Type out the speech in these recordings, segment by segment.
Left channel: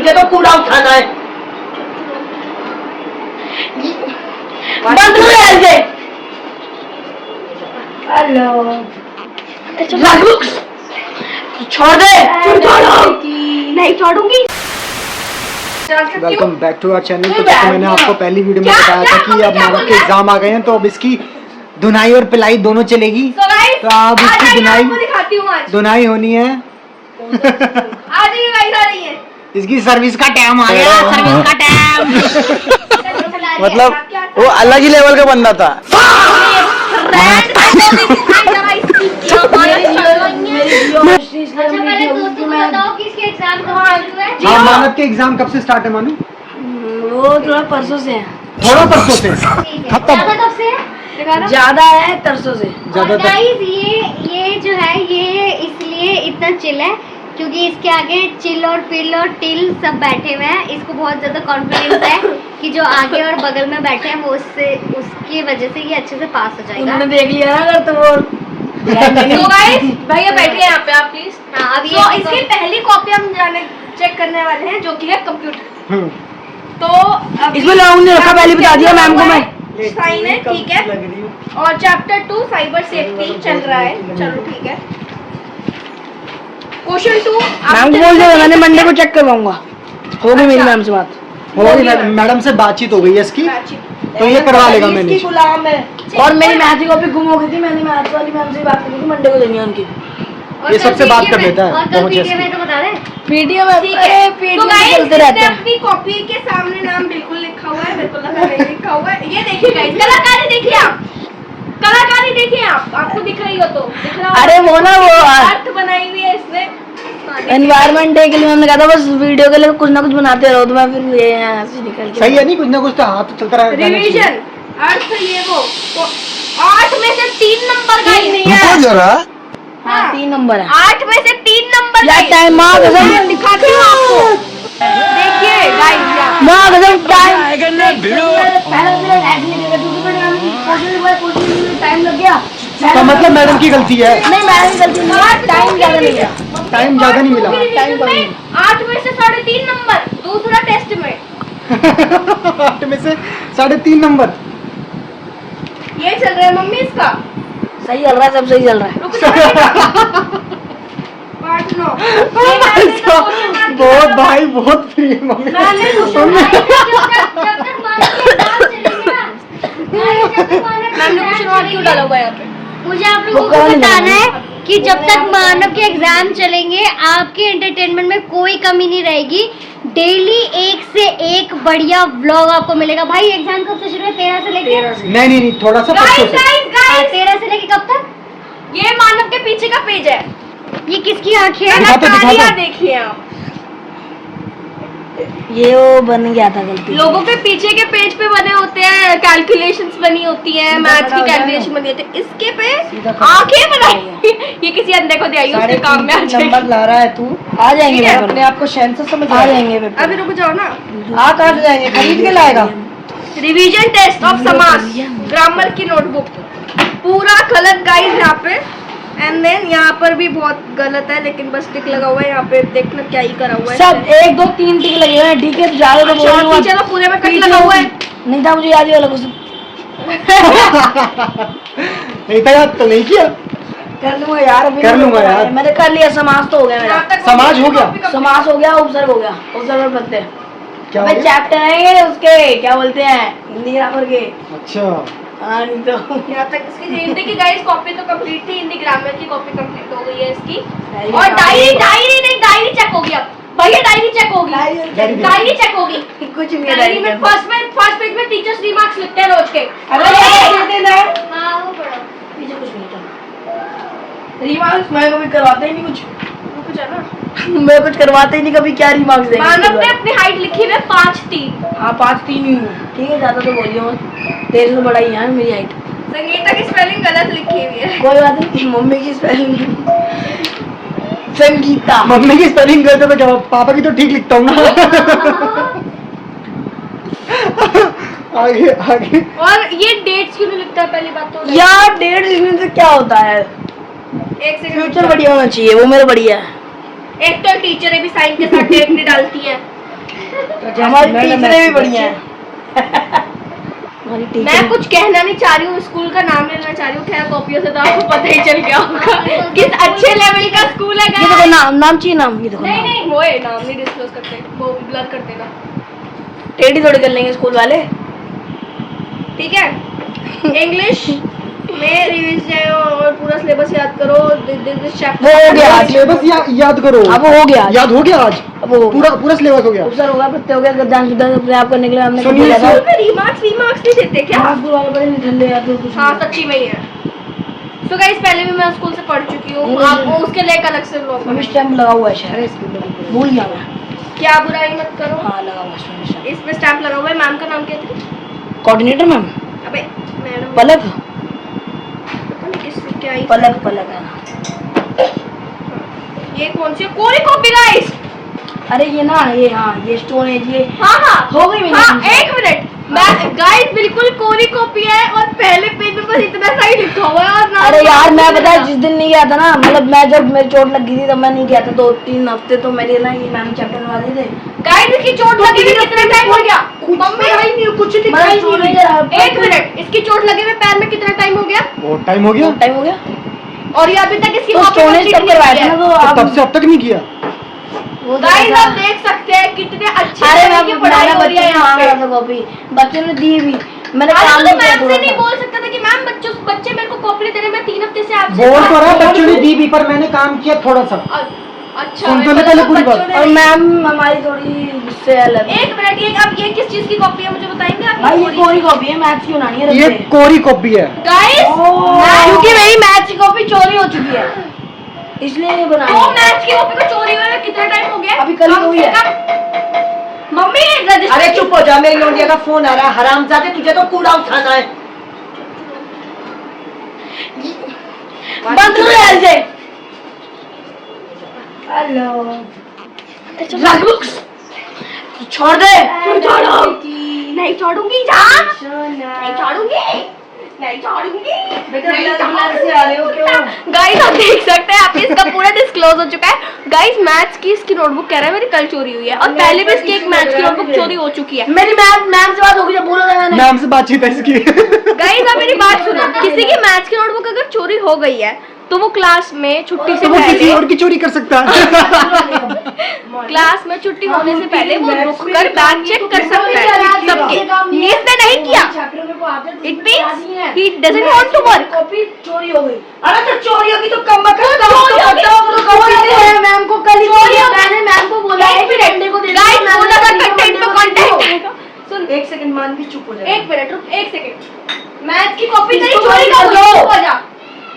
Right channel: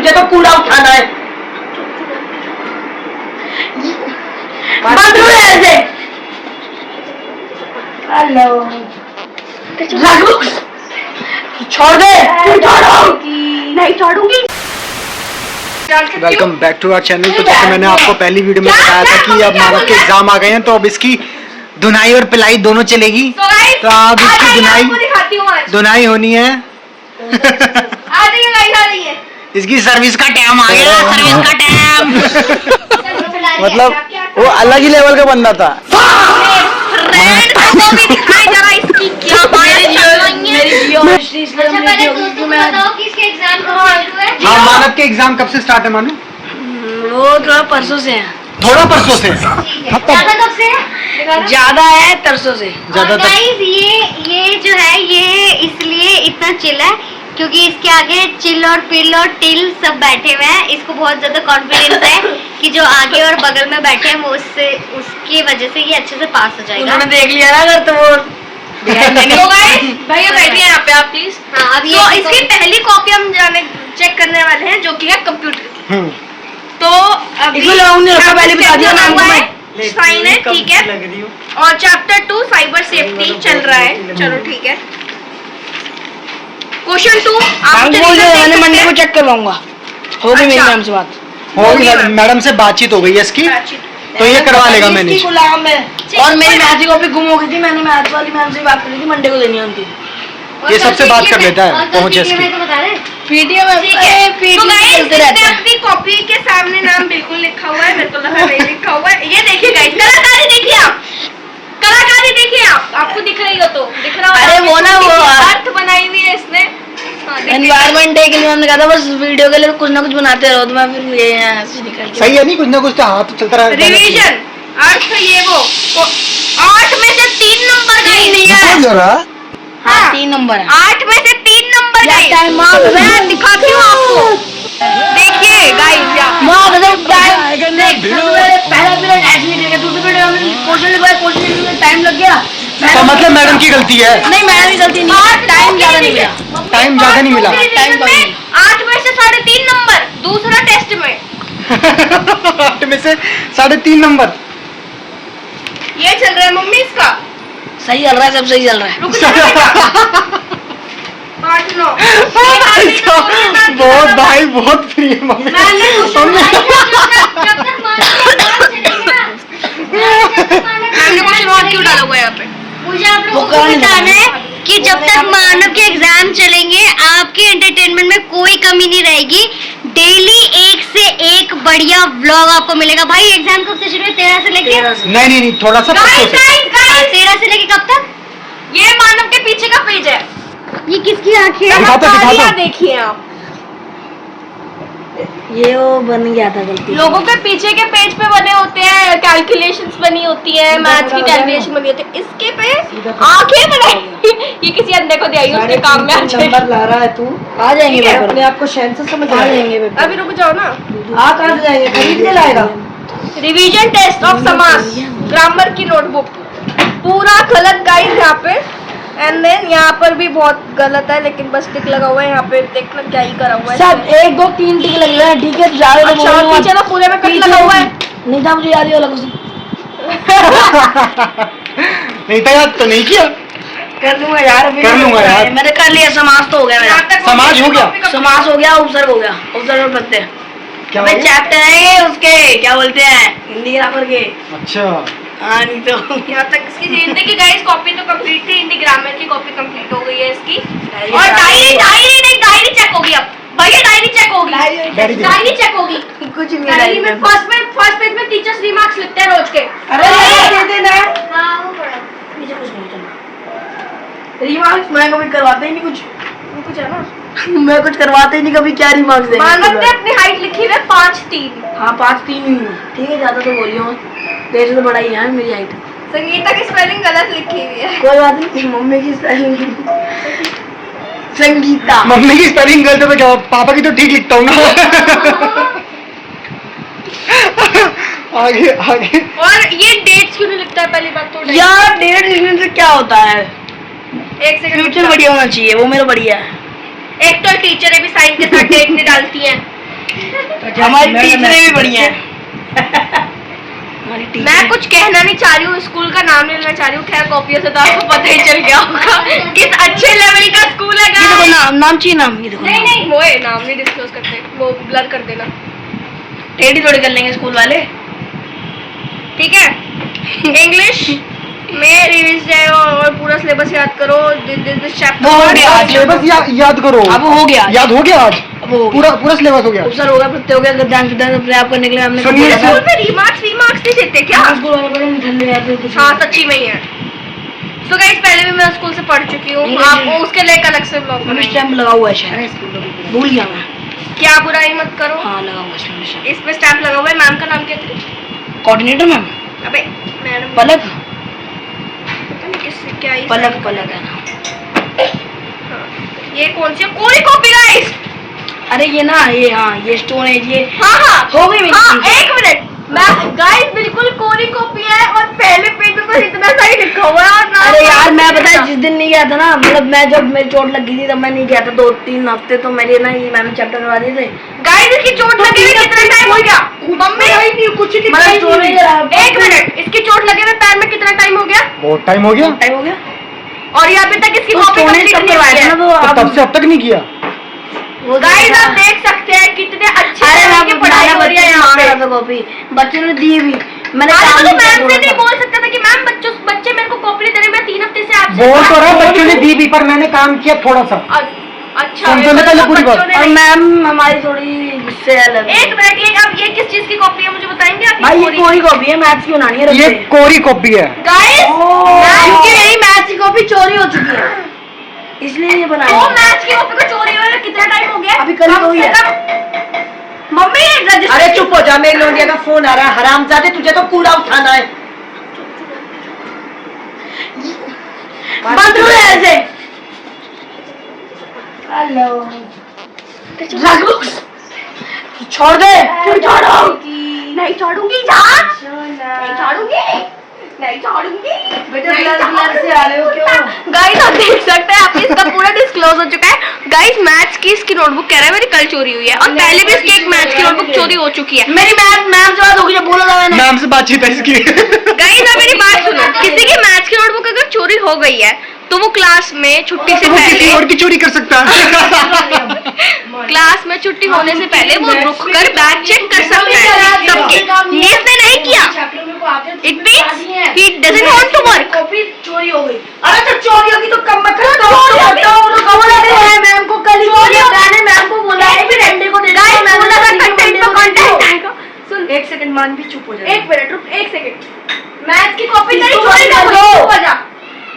मुझे तो कूड़ा उठाना है। बंद करो ऐसे। हेलो छोड़ दे। नहीं छोड़ूंगी। Welcome back to our channel. तो जैसे मैंने आपको पहली वीडियो में बताया था कि अब मानव के एग्जाम आ गए हैं, तो अब इसकी धुनाई और पिलाई दोनों चलेगी। तो अब इसकी धुनाई होनी है। इसकी सर्विस का टाइम आ गया। सर्विस का टाइम मतलब वो अलग ही लेवल का बंदा था। हाँ, मानव के एग्जाम कब से स्टार्ट है मानव? वो थोड़ा परसों से है। थोड़ा परसों से? ज्यादा है तरसों से। ज्यादा। ये जो है ये इसलिए इतना चिल है क्योंकि इसके आगे चिल और पिल और टिल सब बैठे हुए हैं। इसको बहुत ज्यादा कॉन्फिडेंस है कि जो आगे और बगल में बैठे हैं वो उसकी वजह से ये अच्छे से पास हो जाएगा। उन्होंने देख लिया ना अगर तो वो भैया बैठिए यहाँ पे आप प्लीज। तो इसकी पहली कॉपी हम चेक करने वाले हैं जो कि है कंप्यूटर। तो पहले बता दिया नाम साइन है, ठीक है। और चैप्टर 2 साइबर सेफ्टी चल रहा है। चलो ठीक है। क्वेश्चन 2 मैंने मंडे को चेक करवाऊंगा। हो गई मेरी मैम से बात। मैडम से बातचीत हो गई है इसकी, तो ये करवा लेगा मैनेज। और मेरी मैथ की कॉपी गुम हो गई थी। मैंने मैथ वाली मैम से बात करी थी, मंडे को देनी है उनकी। ये सबसे बात कर लेता है पहुंच इसकी। पीडीएफ कॉपी के सामने नाम बिल्कुल लिखा हुआ है। मेरे को लगा नहीं लिखा हुआ है। ये देखिए गाइस, कलाकारी देखिए आप, कलाकारी देखिए आप। आपको दिख रही हो तो दिख रहा है। अरे वो ना वो अर्थ बनाई हुई है इसने। एनवायरमेंट डे के लिए उन्होंने कहा था बस वीडियो के लिए कुछ ना कुछ बनाते रहो। तो मैं फिर ये ऐसे निकल सही है। नहीं कुछ ना कुछ तो हाथ चलता रहा। रिवीजन अर्थ ये वो 8 में से 3 नंबर का ही नहीं रुको जरा। हाँ 3 नंबर है। 8 में से 3 नंबर का ही। मैं दिखाती हूँ आपको। देखिए गाइस टाइम लग गया। तो मतलब मैडम की गलती है? नहीं मैडम की गलती नहीं, टाइम ज्यादा नहीं मिला। टाइम ज्यादा नहीं मिला। 8 में से 3.5 नंबर दूसरा टेस्ट में। 8 में से 3.5 नंबर ये चल रहा है मम्मी इसका। सही चल रहा है, सब सही चल रहा है। रुक जाओ। 8 9 बहुत भाई बहुत फ्री है मम्मी। हमने क्वेश्चन और क्यों डाला हुआ है यहाँ पे? मुझे आप लोगों को बताना है कि जब तक मानव के एग्जाम चलेंगे आपके एंटरटेनमेंट में कोई कमी नहीं रहेगी। डेली एक से एक बढ़िया व्लॉग आपको मिलेगा। भाई एग्जाम कब से शुरू है? 13 से लेके? नहीं थोड़ा सा 13 से लेके कब तक? ये मानव के पीछे का पेज है। ये किसकी आंखें हैं? दिखा देखिए आप। ये वो बन गया था गलती। लोगों के पीछे के पेज पे बने होते हैं कैलकुलेशंस बनी होती है, मैथ्स की कैलकुलेशन बनी होती है। इसके पे आंखें बनाई। ये किसी अंधे को दिया उसके काम में आ जाएगी। नंबर ला रहा है तू। आ जाएंगे अपने आप को शैन से समझ आ जाएंगे। अभी रुक जाओ ना। आ कहाँ जाएंगे? खरीद के लाएगा। रिवीजन टेस्ट ऑफ समास ग्रामर की नोटबुक पूरा गलत गाइस यहाँ पे। एंड देन यहाँ पर भी बहुत गलत है, लेकिन बस टिक लगा हुआ है यहाँ पे। देखना क्या ही करा हुआ है। सब 1 2 3 टिक लगे हुए हैं। ठीक है ज्यादा तो बोल पीछे तो पूरे में कट लगा हुआ है। नहीं था मुझे याद ही वाला कुछ नहीं था याद तो नहीं किया। कर लूंगा यार। कर लूंगा यार। मैंने कर लिया। समाज तो हो गया मेरा। समाज हो गया। समाज हो गया। उपसर्ग हो गया। उपसर्ग बनते हैं क्या? चैप्टर है उसके क्या बोलते हैं हिंदी ग्रामर के। अच्छा हाँ नहीं तो यहाँ तक इसकी हिंदी की गाइस कॉपी तो कंप्लीट थी। हिंदी ग्रामर की कॉपी कंप्लीट हो गई है इसकी। और डायरी चेक होगी अब। भैया डायरी चेक होगी। डायरी चेक होगी। कुछ नहीं। डायरी में फर्स्ट पेज में टीचर्स रिमार्क्स लिखते हैं रोज के। रिमार्क्स मैं कभी करवाते ही नहीं कुछ है ना। मैं कुछ करवाते ही नहीं कभी। क्या रिमार्क्स देंगे? मानव ने अपनी हाइट लिखी है 5'3". हाँ 5'3" ही हूँ। ठीक है ज्यादा तो बोलियो तेरे से बड़ा ही है मेरी हाइट। संगीता की स्पेलिंग गलत लिखी हुई है। कोई बात नहीं। मम्मी की स्पेलिंग संगीता। मम्मी की स्पेलिंग गलत है तो क्या? पापा की तो ठीक लिखता हूँ ना। आगे आगे। और ये डेट्स क्यों नहीं लिखता है? पहली बात तो यार डेट लिखने से क्या होता है? एक सेकंड। फ्यूचर बढ़िया होना चाहिए। वो मेरा बढ़िया है। एक तो टीचर भी साइन के साथ डेट नहीं डालती हैं। हमारी टीचरें भी बढ़िया है। मैं कुछ कहना नहीं चाह रही हूँ, स्कूल का नाम नहीं लेना चाह रही हूँ, खैर कॉपियों से तो आपको पता ही चल गया होगा किस अच्छे लेवल का स्कूल है। ये देखो नाम चाहिए नाम, ये देखो नहीं नहीं वो नाम नहीं डिस्क्लोज करते, वो ब्लर कर देना, टेढ़ी थोड़ी कर लेंगे स्कूल वाले। ठीक है। इंग्लिश में रिवीज जाएगा और पूरा सिलेबस याद करो। दिस चैप्टर वो हो गया, सिलेबस याद करो। अब हो गया, याद हो गया आज, अब हो पूरा पूरा सिलेबस हो गया। सर हो गया, प्रत्यय हो गया, गद्यांश प्रयाप करने के लिए हमने सुनिए, स्कूल में रिमार्क्स नहीं देते क्या? स्कूल वाले बड़े ठंडे यार कुछ। हाँ सच्ची में ही है। तो गाइस पहले भी मैं स्कूल से पढ़ चुकी हूँ, आप उसके लिए एक अलग से ब्लॉग बनाएंगे। स्टैम्प लगा हुआ है शायद, भूल गया मैं। क्या बुराई मत करो। हाँ लगा हुआ है, इस पे स्टैम्प लगा हुआ है। मैम का नाम क्या था? कोऑर्डिनेटर मैम अबे मैडम पलक, पता नहीं किससे क्या ही पलक है ना। ये कौन सी कोरी कॉपी गाइस? अरे ये ना ये, हाँ ये स्टोन है ये। हाँ हो गई मेरी। हाँ एक मिनट, गाइस बिल्कुल कोरी कॉपी है और पहले पेज में तो इतना सही लिखा हुआ है और अरे यार मैं पता है जिस दिन नहीं गया था ना, मतलब मैं जब मेरी चोट लगी थी तब मैं नहीं गया था 2-3 हफ्ते, तो मेरे ना ये मैंने चैप्टर करवा दिए थे। गाइस इसकी चोट लगी हुई कितना टाइम हो गया? मम्मी नहीं कुछ एक मिनट, इसकी चोट लगे हुए पैर में कितना टाइम हो गया? बहुत टाइम हो गया, टाइम हो गया, और ये अभी तक इसकी तो कॉपी कंप्लीट नहीं हुई है। तो तब से अब तक नहीं किया। गाइस आप देख सकते हैं कितने अच्छे अरे तरह की पढ़ाई हो रही है यहाँ पे। मैं कॉपी बच्चों ने दी भी, मैंने काम तो नहीं मैम से नहीं किया बोल सकता था कि मैम बच्चे मेरे को कॉपी नहीं दे रहे, मैं 3 हफ्ते से आपसे बोल तो रहा बच्चों ने दी भी, पर मैंने काम किया थोड़ा सा। अच्छा सुन तो ले पहले पूरी बात। और मैम हमारी थोड़ी गुस्से अलग है। एक मिनट, ये अब ये किस चीज की कॉपी है मुझे बताएंगे आप? भाई ये कोरी कॉपी है, मैथ्स की बनानी है। ये कोरी कॉपी है गाइस क्योंकि मेरी मैथ्स की कॉपी चोरी हो चुकी है, इसलिए नहीं बनाई। वो मैथ्स की कॉपी को चोरी हुए कितना टाइम हो गया? अभी कल हो गया। Mummy register. अरे चुप हो जा, मेरे लौंडिया का फोन आ रहा है। हरामजादे तुझे तो कूड़ा उठाना है। बंद करो ऐसे। हेलो छोड़ दे। क्यों छोड़ो? नहीं छोड़ूंगी जान, नहीं छोड़ूंगी, नहीं छोड़ूंगी। बेटा ब्लर से आ रहे हो क्यों? गाइस आप देख सकते हैं, आप इसका पूरा डिस्क्लोज हो चुका है। गाइस मैथ्स की इसकी नोटबुक कह रहा है मेरी कल चोरी हुई है, और पहले भी इसकी एक मैथ्स की नोटबुक चोरी हो चुकी है। मेरी मैम से बात होगी जब बोला था मैंने। मैम से बातचीत है इसकी। गाइस आप मेरी बात सुनो, किसी की मैथ्स की नोटबुक अगर चोरी हो गई है तो वो क्लास में छुट्टी से तो वो किसी पहले, और की चोरी कर सकता है। क्लास में छुट्टी होने से पहले वो रुक कर बैग चेक कर सकता है सबके। ये इसने नहीं किया, it means he doesn't want to work. Copy चोरी हो गई। अरे तो चोरी होगी तो कम मत मैम को कल ही मैंने मैम को बोला है कि डंडे को दे सुन एक सेकंड, मान भी चुप हो जा। एक मिनट रुक, एक सेकंड। मैथ्स की कॉपी तेरी इसको चोरी बंद कर कर दो। दो।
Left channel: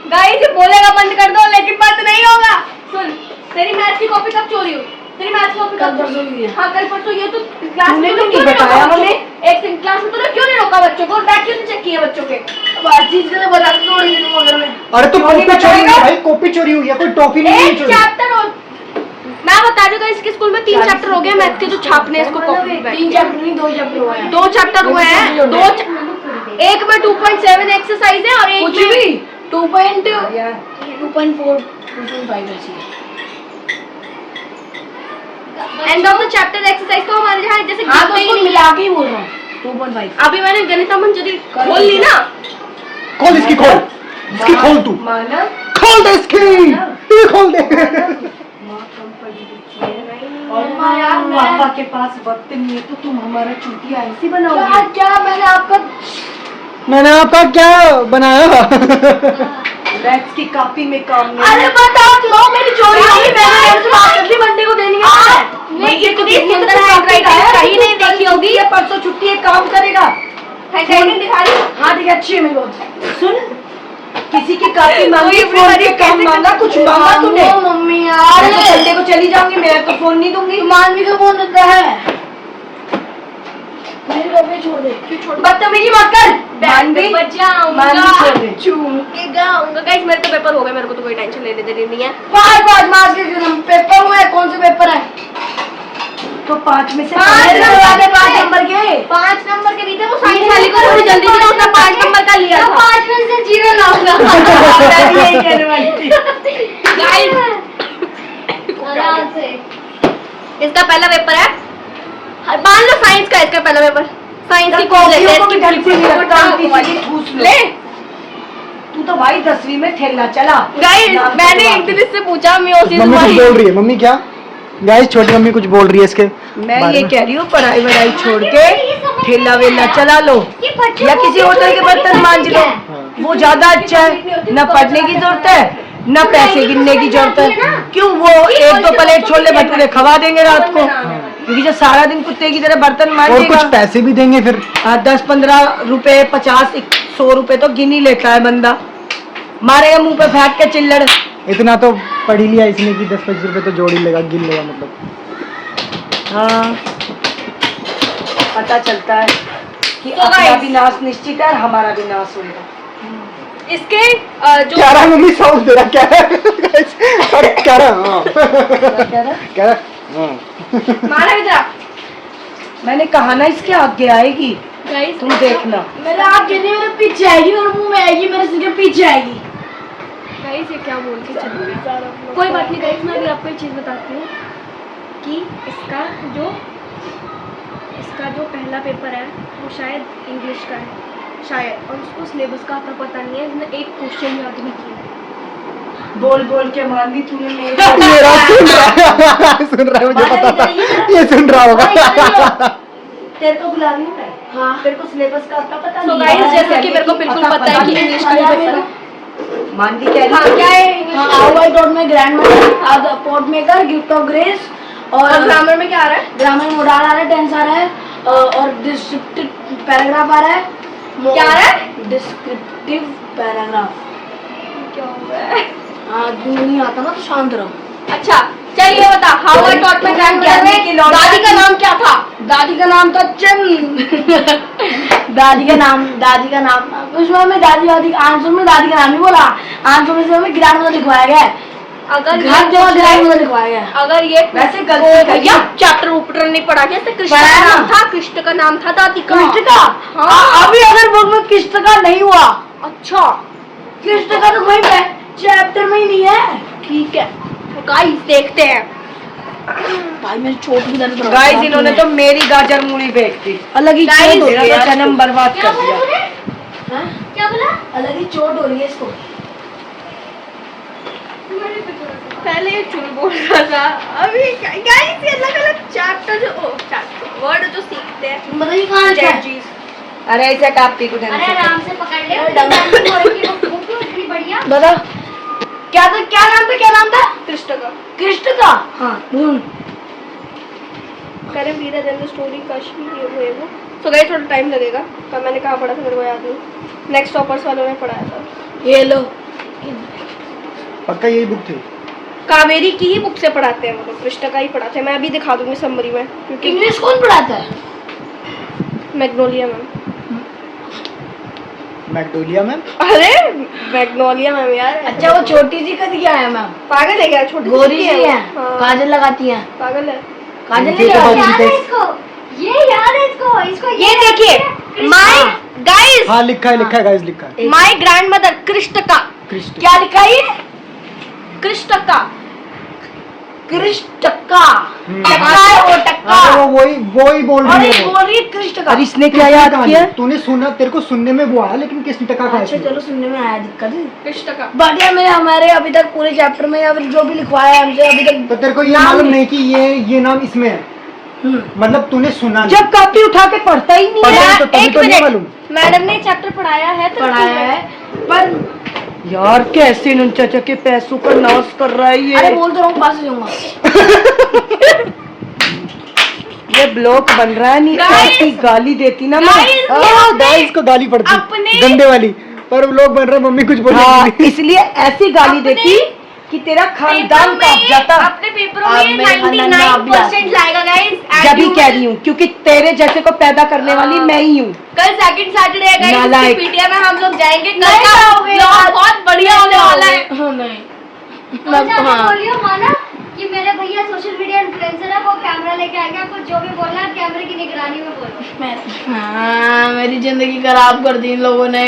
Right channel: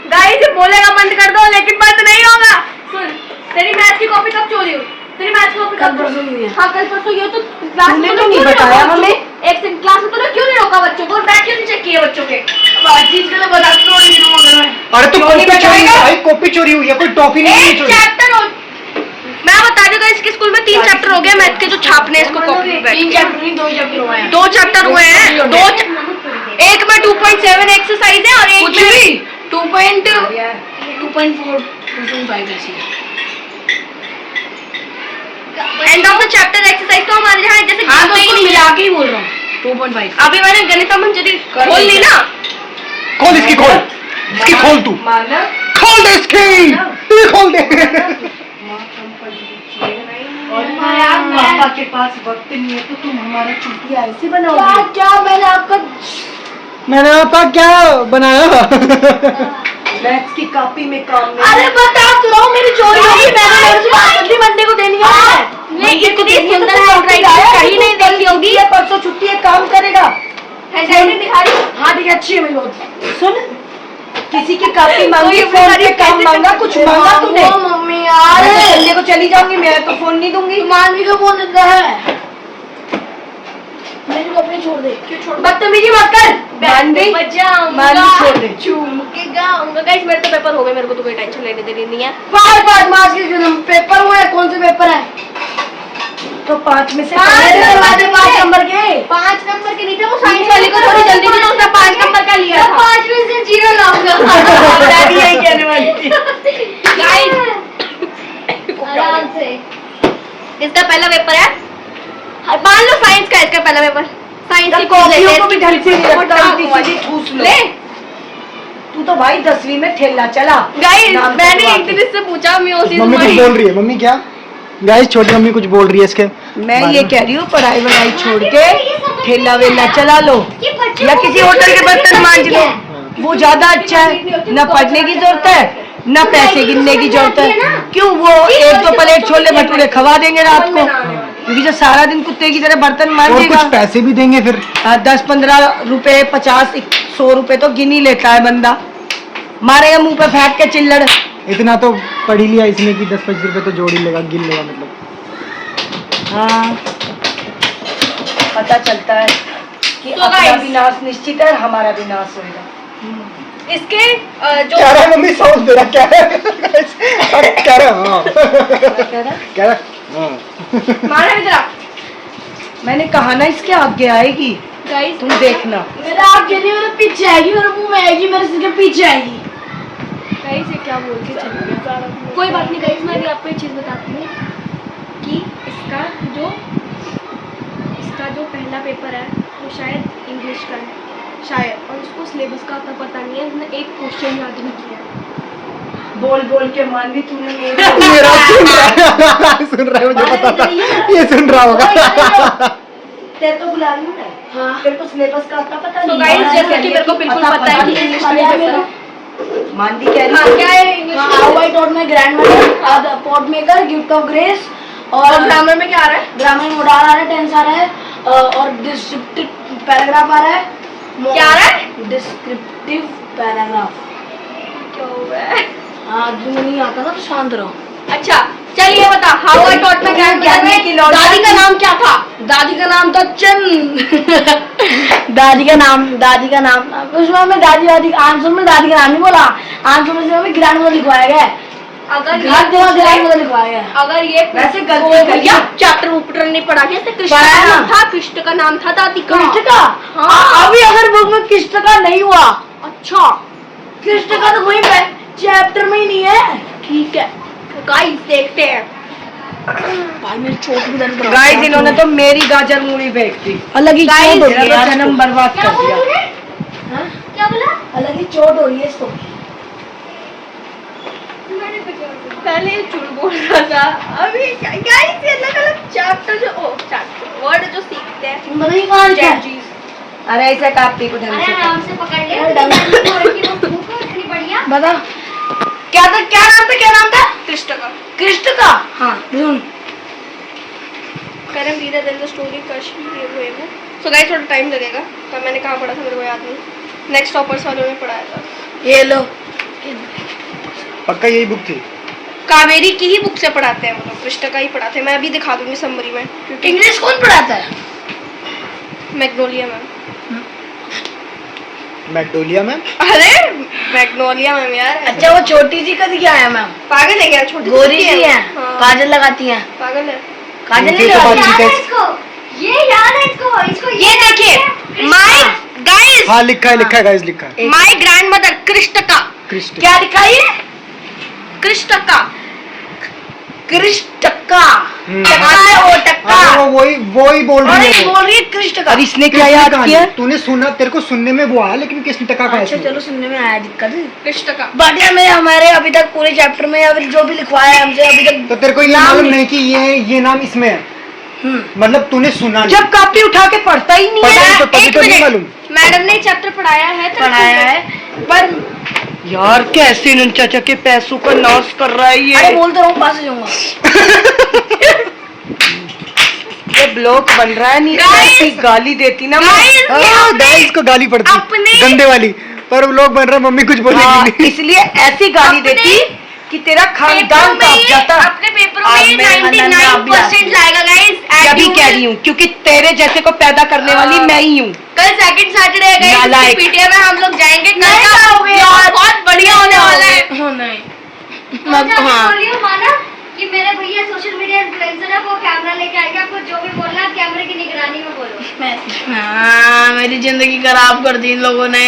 गाइस बोलेगा बंद कर दो, लेकिन बंद नहीं होगा। सुन, तेरी मैथ्स की कॉपी कब चोरी हुई? तेरी मैथ्स की कॉपी कल परसों हुई है। हाँ कल परसों। ये तो क्लास में तूने तूने तो क्यों नहीं नहीं रोका बताया बच्चों मम्मी? को? एक सेकंड, क्लास में तूने क्यों नहीं रोका बच्चों को? बैग क्यों नहीं चेक किए बच्चों के? बातचीत के लिए बता दो। अरे तो कॉपी चोरी भाई, कॉपी चोरी हुई है, कोई टॉफी नहीं एक चोरी। चैप्टर मैं बता दूंगा, इसके स्कूल में 3 चैप्टर हो गए मैथ के जो छापने इसको कॉपी पे। 3 चैप्टर नहीं 2 चैप्टर हुए हैं। 2 चैप्टर हुए हैं, एक में 2.7 एक्सरसाइज है और एक कुछ में भी 2.4 2.5 ऐसी है। End of the chapter exercise तो हमारे यहाँ जैसे हाँ तो गिनते ही उसको नहीं मिला के ही बोल रहा हूँ 2.5। अभी मैंने गणिता मंजरी खोल ली ना। खोल इसकी, खोल इसकी, खोल तू, मानव खोल दे इसकी, तू खोल दे। और पापा के पास वक्त नहीं है तो तुम हमारा चुटिया ऐसे बनाओगे? क्या मैंने आपका क्या बनाया? मैथ्स की कॉपी में काम नहीं। अरे बता तो मेरी चोरी हो गई। मैंने मेरे से बात कर ली, मंडे को देनी है। नहीं इतनी सुंदर हैंडराइटिंग कहीं नहीं देखी होगी। ये परसों छुट्टी है, काम करेगा। हैंडराइटिंग दिखा रही। हाँ ठीक है, अच्छी है मेरी बहुत। सुन, किसी की कॉपी कोई मांगी, अपनी फोन पे तारीफ काम कैसे मांगा, कर कुछ सकते मांगा तूने? ओ मम्मी यार, मैं तो संडे को चली जाऊंगी, मैं तो फोन नहीं दूंगी। मानवी का फोन देता है। मेरी कॉपी छोड़ दे। क्यों छोड़? बदतमीजी मत कर। मानवी, बजाऊंगा, मानवी छोड़ दे। झूम के गाऊंगा। गाइस मेरे तो पेपर हो गए, मेरे को तो कोई टेंशन लेने देनी नहीं है। 5 मार्च के पेपर हुए। कौन से पेपर है? तो 5 में से 5 नंबर के 5 नंबर के 5 नंबर के नहीं थे, वो साइंस वाले को थोड़ी जल्दी थी तो उसने 5 नंबर का लिया था। 5 में से 0 लाऊंगा। मैं भी यही कहने वाली थी। आराम से। इसका पहला पेपर है मान लो साइंस का इसका पहला पेपर, साइंस की क्विज लेते हैं इसकी ले। तू तो भाई 10वीं में ठेला चला। गाइस मैंने एक दिन इससे पूछा, मैं उसी मम्मी कुछ बोल रही है, मम्मी क्या गाइस, छोटी मम्मी कुछ बोल रही है इसके मैं बारे ये में। कह रही हूँ पढ़ाई वढ़ाई छोड़ के ठेला वेला चला लो या किसी होटल के बर्तन मांज लो, वो ज्यादा अच्छा है। न पढ़ने की जरूरत है न पैसे गिनने की जरूरत है। क्यों, वो 1-2 प्लेट छोले भटूरे खवा देंगे रात को, क्योंकि जो सारा दिन कुत्ते की तरह बर्तन और मांजेगा। कुछ पैसे भी देंगे फिर। 10-15 रुपए, 50-100 रुपए तो गिन ही लेता है बंदा, मारेगा मुंह पे फेंक के चिल्लड़। इतना तो पढ़ ही लिया इसने कि 10-25 रुपए तो जोड़ ही लेगा, गिन लेगा मतलब। हाँ, पता चलता है कि तो अपना guys, विनाश निश्चित है और हमारा विनाश होगा। इसके जो क्या रहा मम्मी, साउंड दे रहा क्या रहा क्या रहा हाँ। क्या रहा हाँ। मारा इधर। मैंने कहा ना इसके आगे आएगी, गाइस तुम देखना। मेरा आगे नहीं, मेरे पीछे आएगी, मेरे मुंह में आएगी, मेरे सिर के पीछे आएगी। गाइस ये क्या बोल के चल, कोई बात नहीं गाइस, मैं भी आपको एक चीज बताती हूँ कि इसका जो पहला पेपर है वो शायद इंग्लिश का है शायद, और उसको सिलेबस का उतना पता नहीं है, उसने एक क्वेश्चन याद नहीं किया है। बोल बोल के मान ली तूने मेरा सुन रहा है, मुझे पता था ये सुन रहा होगा। तेरे को बुला रही हूँ मैं। हाँ तेरे को सिलेबस का उतना पता तो नहीं गाइस जैसे कि मेरे को बिल्कुल पता है कि इंग्लिश का पेपर है। मान ली कह हाँ रही क्या है English how I taught my grandmother, pot maker, gift of grace, और ग्रामर में क्या आ रहा है? ग्रामर में मोडाल आ रहा है, टेंस आ रहा है, और डिस्क्रिप्टिव पैराग्राफ आ रहा है। क्या आ रहा है? Descriptive paragraph. क्या हुआ है? हाँ जो नहीं आता ना तो शांत रहो। अच्छा चलिए बता, how I taught my grandmother, दादी का नाम क्या था? दादी का नाम था चंद। दादी का नाम उसमें हमें दादी आंसर में दादी का नाम नहीं बोला, आंसर में हमें ग्रैंडमदर लिखवाया गया है। अगर हर जगह ग्रैंडमदर लिखवाया गया है। अगर ये वैसे गलती भैया चैप्टर ऊपर नहीं पढ़ा गया, कृष्ण का नाम था, कृष्ण का नाम था दादी का। कृष्ण का? हाँ अभी अगर बुक में कृष्ण का नहीं हुआ। अच्छा कृष्ण का तो वहीं पे चैप्टर में ही नहीं है। ठीक है गाइस देखते हैं। भाई मेरी चोट भी दर्द गाइस इन्होंने तो मेरी गाजर मूली फेंक दी, अलग ही गाइस चोट हो रही मेरा है तो जन्म बर्बाद क्या कर बोला दिया। तूने? क्या बोला? अलग ही चोट हो रही है इसको। पहले ये चुल बोल रहा था, अभी गाइस ये अलग अलग चैप्टर वर्ड जो सीखते हैं मतलब कहाँ लिखा है? स्ट्रेटजीज। अरे ऐसा कापी को ढंग अरे से आराम से पकड़ ले, इतनी बढ़िया। बता क्या नाम था? कृष्ण का। हाँ करम reader then the story Kashmir हुए वो। सो गाइस थोड़ा टाइम लगेगा, पर मैंने कहाँ पढ़ा था मेरे को याद नहीं। नेक्स्ट टॉपर्स वालों ने पढ़ाया था। ये लो पक्का यही बुक थी। कावेरी की ही बुक से पढ़ाते हैं, मतलब कृष्ण का ही पढ़ाते हैं। मैं अभी दिखा दूंगी समरी में, क्योंकि इंग्लिश कौन पढ़ाता है? Magnolia ma'am. Magnolia ma'am? अरे मैग्नोलिया मैम यार। अच्छा वो छोटी सी कद क्या है मैम? पागल है क्या? छोटी गोरी सी है, हाँ। काजल लगाती है। पागल है। काजल इनसे नहीं तो लगाती। बातचीत याद है है। इसको, ये याद है इसको ये देखिए माय गाइस, हाँ लिखा है गाइस, लिखा है माय ग्रैंडमदर कृष्ण का। कृष्ण। क्या लिखा है? कृष्ण का टक्का है वो टक्का। हाँ वो वही बोल अरे रही है वो। बोल रही है कृष्ण का। अरे इसने क्या याद किया? तूने सुना, तेरे को सुनने में वो आया, लेकिन किस टका का अच्छा चलो सुनने में आया दिक्कत। कृष्ण का बढ़िया में हमारे अभी तक पूरे चैप्टर में अभी जो भी लिखवाया है हमसे अभी तक। तो तेरे को ये नाम मालूम नहीं- नहीं कि ये नाम इसमें है, मतलब तूने सुना नहीं। जब कापी उठा के पढ़ता ही नहीं पता है। नहीं तो तभी एक तो नहीं मिनट, मालूम। मैडम ने चैप्टर पढ़ाया है तो पढ़ाया है पर यार कैसे इन चाचा के पैसों का नाश कर रहा है ये। अरे बोलते रहो, पास जाऊंगा। ये ब्लॉक बन रहा है नहीं। Guys! ऐसी गाली देती ना मैं। गाइस को गाली पड़ती अपने- गंदे वाली, पर लोग बन रहा मम्मी कुछ बोलेगी हाँ, नहीं। इसलिए ऐसी गाली अपने- देती कि तेरा खानदान कांप जाता। अपने पेपरों आज में मेरे खानदान में आप भी 99% लाएगा गाइस। जब भी कह रही हूँ क्योंकि तेरे जैसे को पैदा करने वाली मैं ही हूँ। कल सेकंड सैटरडे है गाइस, नालायक। पीटीएम में हम लोग जाएंगे। कल नहीं का जाओगे ब्लॉग यार। बहुत बढ़िया होने वाला है। नहीं हाँ बोलियो माना कि मेरे भैया सोशल मीडिया इन्फ्लुएंसर है, वो कैमरा लेके आएगा, आपको जो भी बोलना है कैमरे की निगरानी में बोलो। हाँ मेरी जिंदगी खराब कर दी इन लोगों ने।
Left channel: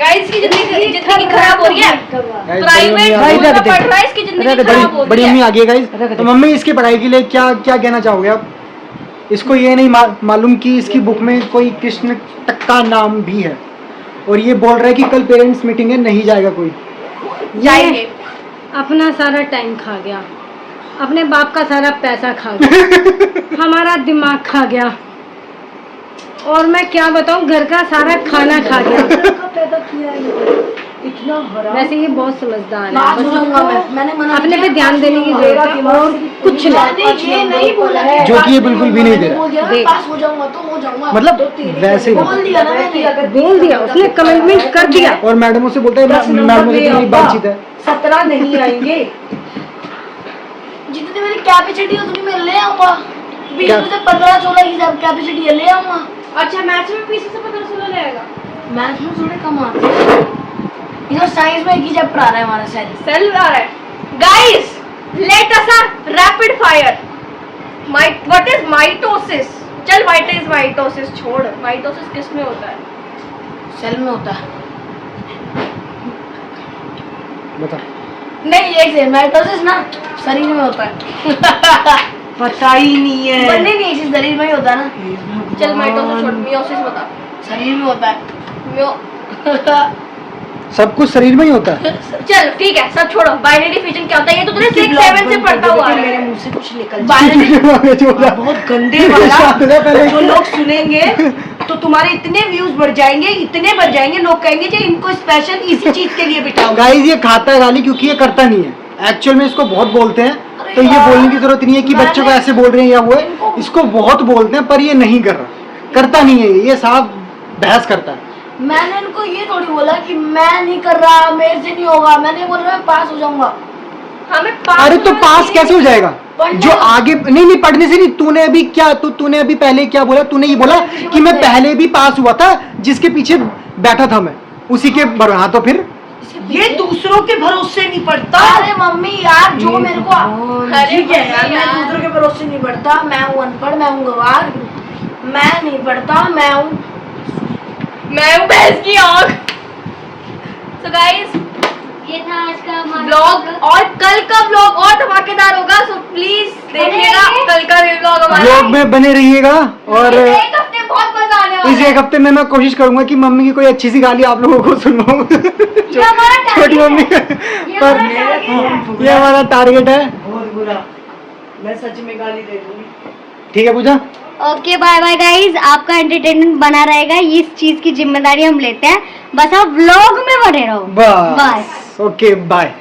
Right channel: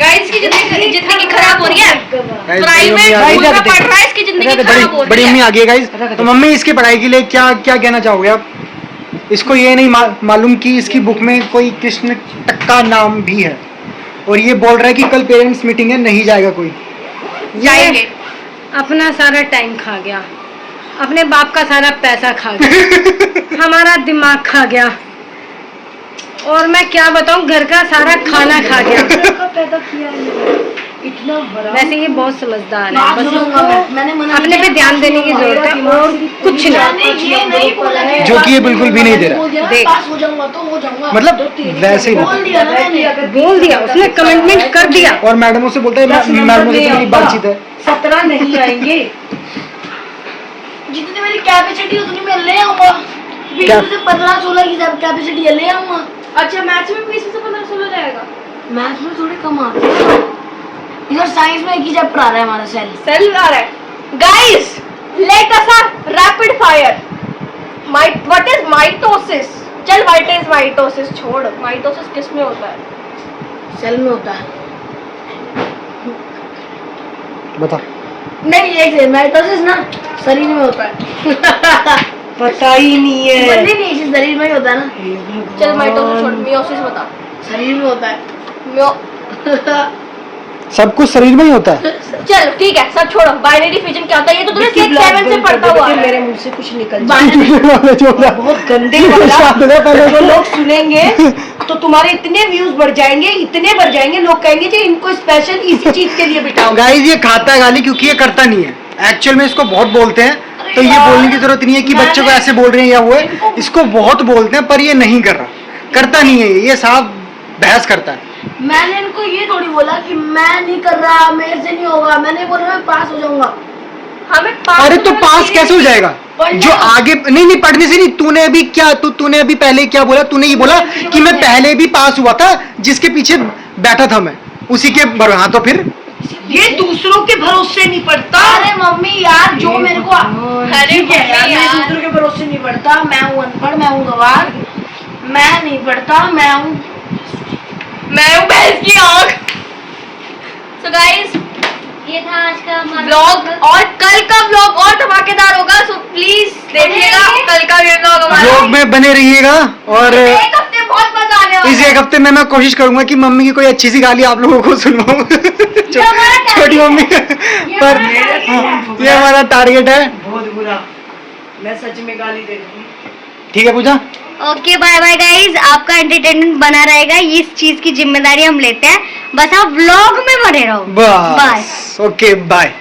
गाइस की जिंदगी खराब हो रही है। Guys, प्राइवेट बड़ी स्कूल में मम्मी पढ़ रहा है, इसकी जिंदगी खराब हो बड़ी रही मम्मी है। आ गई गाइस। तो मम्मी इसकी पढ़ाई के लिए क्या क्या कहना चाहोगे आप? इसको ये नहीं मालूम कि इसकी बुक में कोई कृष्ण टक्का नाम भी है, और ये बोल रहा है कि कल पेरेंट्स मीटिंग है, नहीं जाएगा कोई। जाएंगे। अपना सारा टाइम खा गया, अपने बाप का सारा पैसा खा गया, हमारा दिमाग खा गया, और मैं क्या बताऊं, घर का सारा खाना खा गया। वैसे ये बहुत समझदार है, बस इसको अपने पे ध्यान देने की जरूरत है और कुछ नहीं, जो कि ये बिल्कुल भी नहीं दे रहा। देख मतलब वैसे ही बोल दिया उसने, कमिटमेंट कर दिया, और मैडमों से बोलता है मैडमों से तो मेरी बातचीत है। 17 नहीं आएंगे, जितनी मेरी कैपेसिटी है उतनी मैं ले आऊंगा। 20 में से 15-16 की कैपेसिटी है, ले आऊंगा। अच्छा मैथ्स में 20 से 15-16 रहेगा? मैथ्स में थोड़े कम आते हैं, इधर साइंस में एक ही चैप्टर आ रहा है हमारा, सेल आ रहा है। Guys let us rapid fire. What is mitosis? चल व्हाट इज माइटोसिस छोड़, माइटोसिस किस में होता है? सेल में होता है। बता। नहीं एक माइटोसिस ना शरीर में होता है। पता ही नहीं है। नहीं नहीं शरीर में ही होता है ना। चल माइटोसिस छोड़, मियोसिस बता। शरीर में होता है। मियो सब कुछ शरीर में ही होता है। चल ठीक है, सब छोड़ो। बाइनरी फिजन क्या होता है ये तो तूने 6-7 से पढ़ता हुआ है। मेरे मुंह से कुछ निकल जाए, बहुत गंदे वाला। जो लोग सुनेंगे तो तुम्हारे इतने व्यूज बढ़ जाएंगे, इतने बढ़ जाएंगे, लोग कहेंगे कि इनको स्पेशल इसी चीज के लिए बिठाओ। गाइस ये खाता है गाली क्योंकि ये करता नहीं है। एक्चुअल में इसको बहुत बोलते हैं, तो ये बोलने की जरूरत नहीं है कि बच्चों को ऐसे बोल रहे हैं या वो है। इसको बहुत बोलते हैं पर ये नहीं कर रहा, करता नहीं है, ये साफ बहस करता है। मैंने इनको ये थोड़ी बोला कि मैं नहीं कर रहा, मेरे से नहीं होगा। मैंने बोला मैं पास हो जाऊंगा। हमें अरे तो पास कैसे हो जाएगा? जो आगे नहीं पढ़ने से नहीं, तूने अभी क्या तूने अभी पहले क्या बोला? तूने ये बोला कि मैं पहले भी पास हुआ था, जिसके पीछे बैठा था मैं उसी के हाँ, तो फिर ये दूसरों के भरोसे नहीं पड़ता। अरे मम्मी यार जो मेरे को ठीक है, मैं दूसरों के भरोसे नहीं पड़ता। मैं हूँ अनपढ़, मैं हूँ गवार, मैं नहीं पढ़ता, मैं हूँ भैंस की आँख। So guys, ये था आज का हमारा व्लॉग, और कल का व्लॉग और धमाकेदार होगा। सो प्लीज देखिएगा कल का ये व्लॉग हमारा। व्लॉग में बने रहिएगा, और एक हफ्ते बहुत मजा आने वाला इस एक हफ्ते में मैं कोशिश करूंगा कि मम्मी की कोई अच्छी सी गाली आप लोगों को सुनवाऊं। छोटी मम्मी पर ये हमारा टारगेट है। बहुत बुरा, मैं सच में गाली दे दूंगी। ठीक है पूजा, ओके बाय बाय गाइज। आपका एंटरटेनमेंट बना रहेगा, इस चीज की जिम्मेदारी हम लेते हैं। बस आप व्लॉग में बने रहो। बस ओके बाय।